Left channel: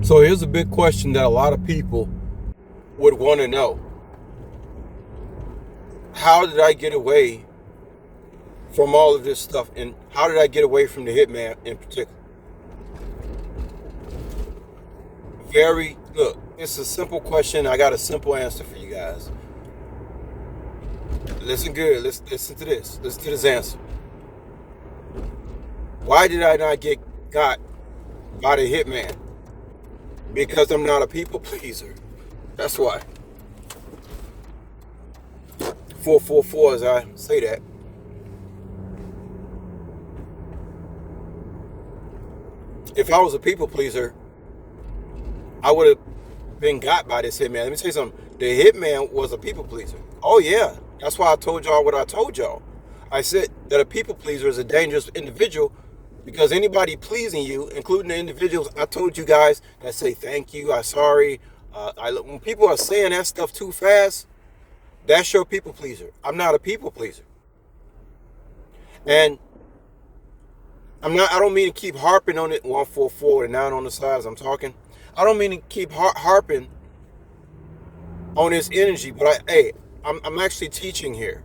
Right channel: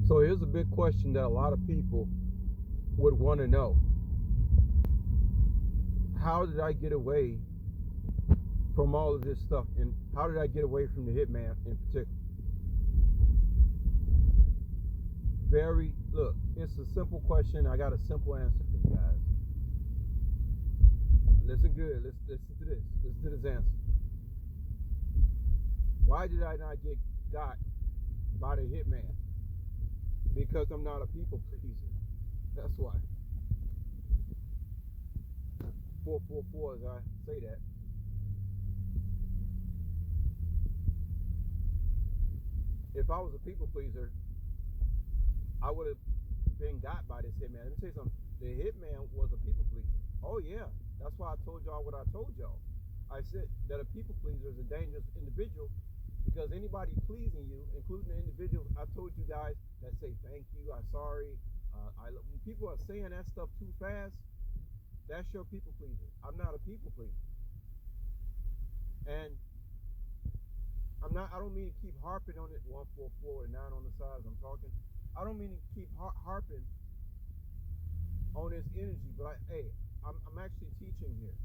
So here's a big question that a lot of people would want to know. How did I get away from all of this stuff? And how did I get away from the hitman in particular? Look, it's a simple question. I got a simple answer for you guys. Listen good. Listen to this. Listen to this answer. Why did I not get got by the hitman? Because I'm not a people pleaser. That's why. 444 as I say that. If I was a people pleaser, I would have been got by this hitman. Let me tell you something. The hitman was a people pleaser. Oh yeah. That's why I told y'all what I told y'all. I said that a people pleaser is a dangerous individual because anybody pleasing you, including the individuals I told you guys that say thank you, I'm sorry, when people are saying that stuff too fast, that's your people pleaser. I'm not a people pleaser, and I'm not. I don't mean to keep harping on it. 144 and 9 on the sides. I'm talking. I don't mean to keep harping on this energy, but I'm actually teaching here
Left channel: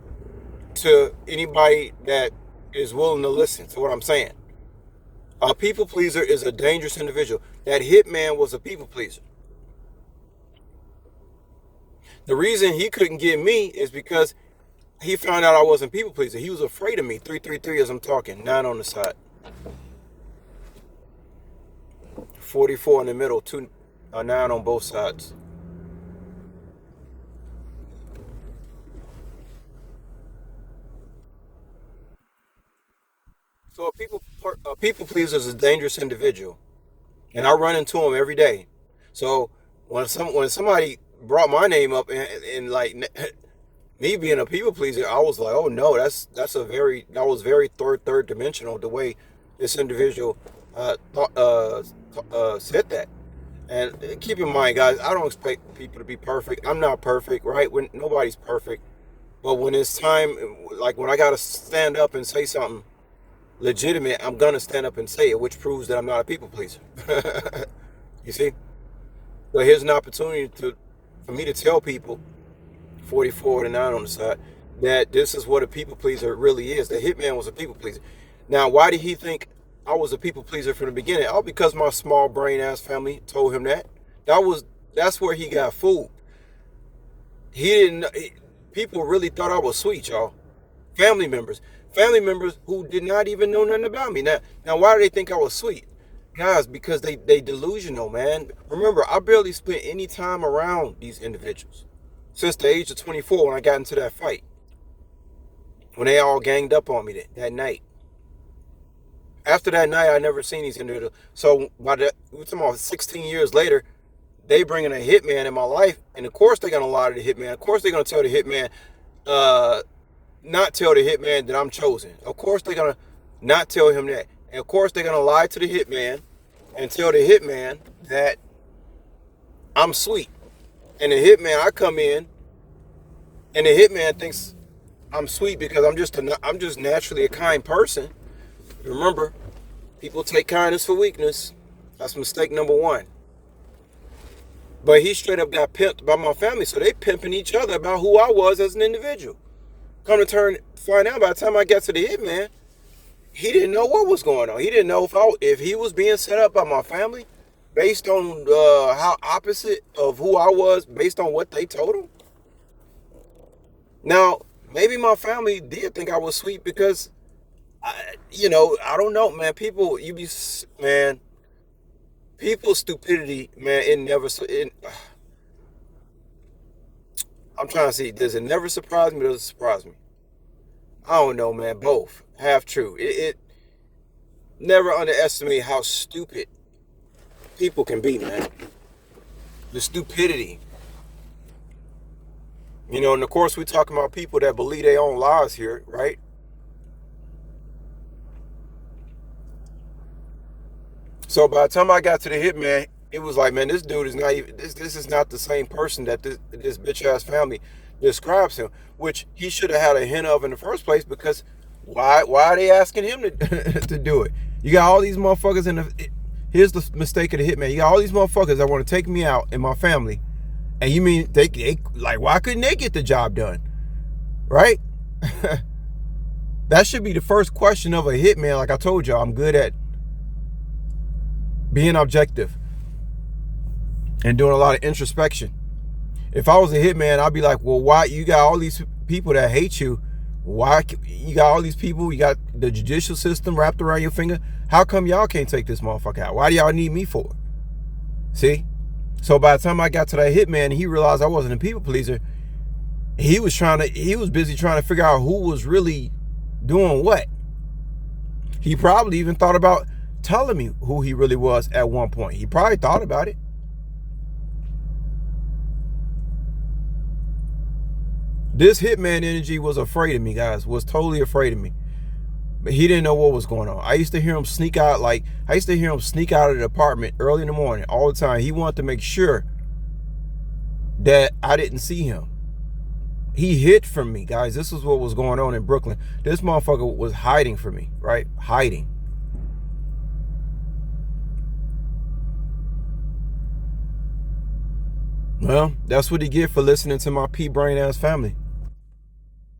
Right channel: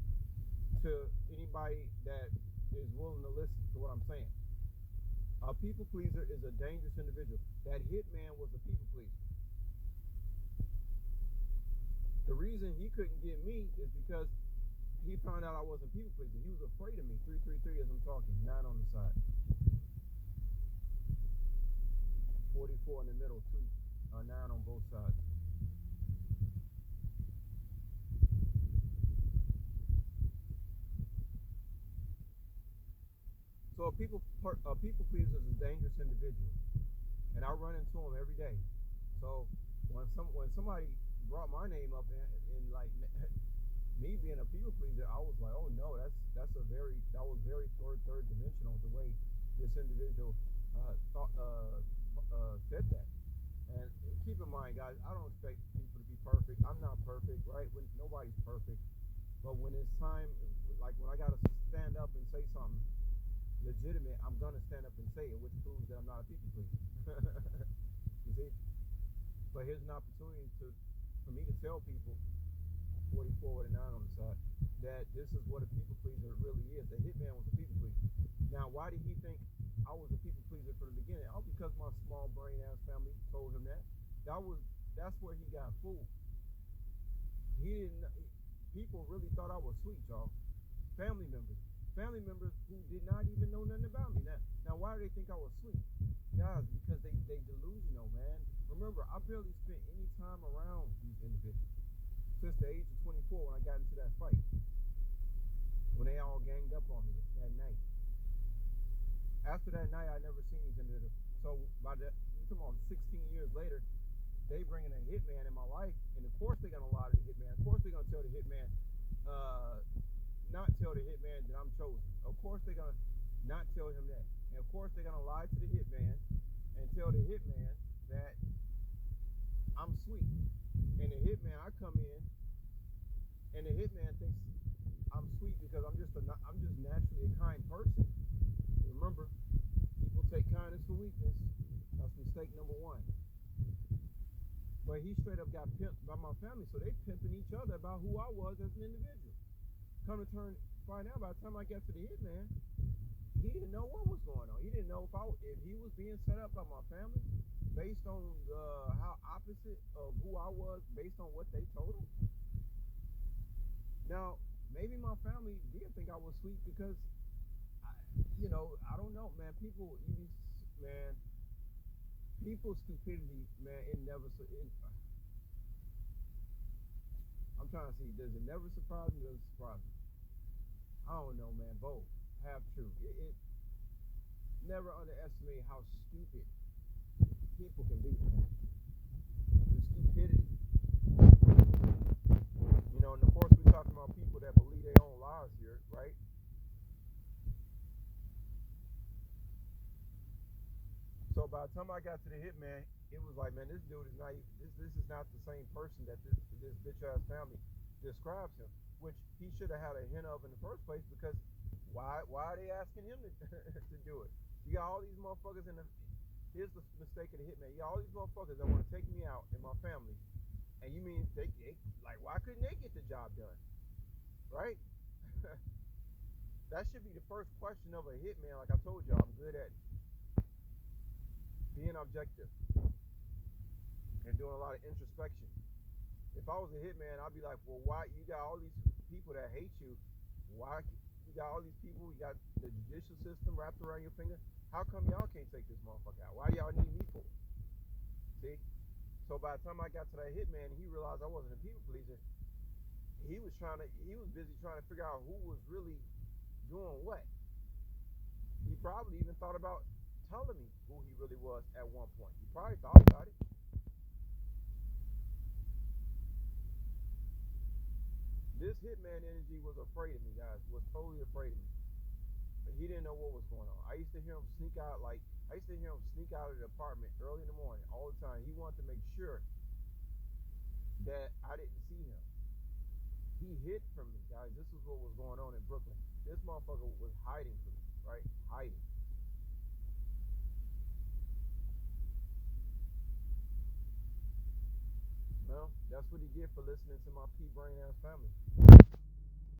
to anybody that is willing to listen to what I'm saying. A people pleaser is a dangerous individual. That hitman was a people pleaser. The reason he couldn't get me is because he found out I wasn't people pleaser. He was afraid of me. 333 as I'm talking. 9 on the side. 44 in the middle. 9 on both sides. So a people pleaser is a dangerous individual, and I run into him every day. So when somebody brought my name up and like me being a people pleaser, I was like, oh no, that was very third dimensional the way this individual said that. And keep in mind, guys, I don't expect people to be perfect. I'm not perfect, right? When nobody's perfect, but when it's time, like when I gotta stand up and say something legitimate, I'm gonna stand up and say it, which proves that I'm not a people pleaser. You see? So here's an opportunity for me to tell people, 44 to 9 on the side, that this is what a people pleaser really is. The hitman was a people pleaser. Now, why did he think I was a people pleaser from the beginning? Oh, because my small brain ass family told him that. That's where he got fooled. He didn't. People really thought I was sweet, y'all. Family members, family members who did not even know nothing about me. Now, why do they think I was sweet? Guys, because they delusional, man. Remember, I barely spent any time around these individuals since the age of 24 when I got into that fight. When they all ganged up on me that night. After that night, I never seen these individuals. So we're talking about 16 years later, they bringing a hitman in my life, and of course they're gonna lie to the hitman. Of course they're gonna tell the hitman, uh, not tell the hitman that I'm chosen. Of course they're gonna not tell him that. And of course they're gonna lie to the hitman and tell the hitman that I'm sweet. And the hitman, I come in, and the hitman thinks I'm sweet because I'm just naturally a kind person. Remember, people take kindness for weakness. That's mistake number one. But he straight up got pimped by my family, so they pimping each other about who I was as an individual. Come to find out by the time I got to the hitman, he didn't know what was going on. He didn't know if he was being set up by my family based on how opposite of who I was based on what they told him. Now, maybe my family did think I was sweet because, I don't know, man. Man, people's stupidity, man, I'm trying to see, does it never surprise me or does it surprise me? I don't know, man. Both. Half true. It never underestimate how stupid people can be, man. The stupidity. And of course we talking about people that believe their own lies here, right? So by the time I got to the hitman, it was like, man, this dude is not even this is not the same person that this bitch ass family describes him, which he should have had a hint of in the first place because why are they asking him to to do it? You got all these motherfuckers in the here's the mistake of the hitman. You got all these motherfuckers that want to take me out and my family. And you mean they like, why couldn't they get the job done? Right? That should be the first question of a hitman. Like I told y'all, I'm good at being objective and doing a lot of introspection. If I was a hitman, I'd be like, well, why you got all these people that hate you? Why you got all these people? You got the judicial system wrapped around your finger. How come y'all can't take this motherfucker out? Why do y'all need me for it? See? So by the time I got to that hitman, he realized I wasn't a people pleaser. He was busy trying to figure out who was really doing what. He probably even thought about telling me who he really was at one point. He probably thought about it. This hitman energy was afraid of me, guys. Was totally afraid of me. But he didn't know what was going on. I used to hear him sneak out, I used to hear him sneak out of the apartment early in the morning all the time. He wanted to make sure that I didn't see him. He hid from me, guys. This is what was going on in Brooklyn. This motherfucker was hiding from me, right? Hiding. Well, that's what he get for listening to my pea brain ass family.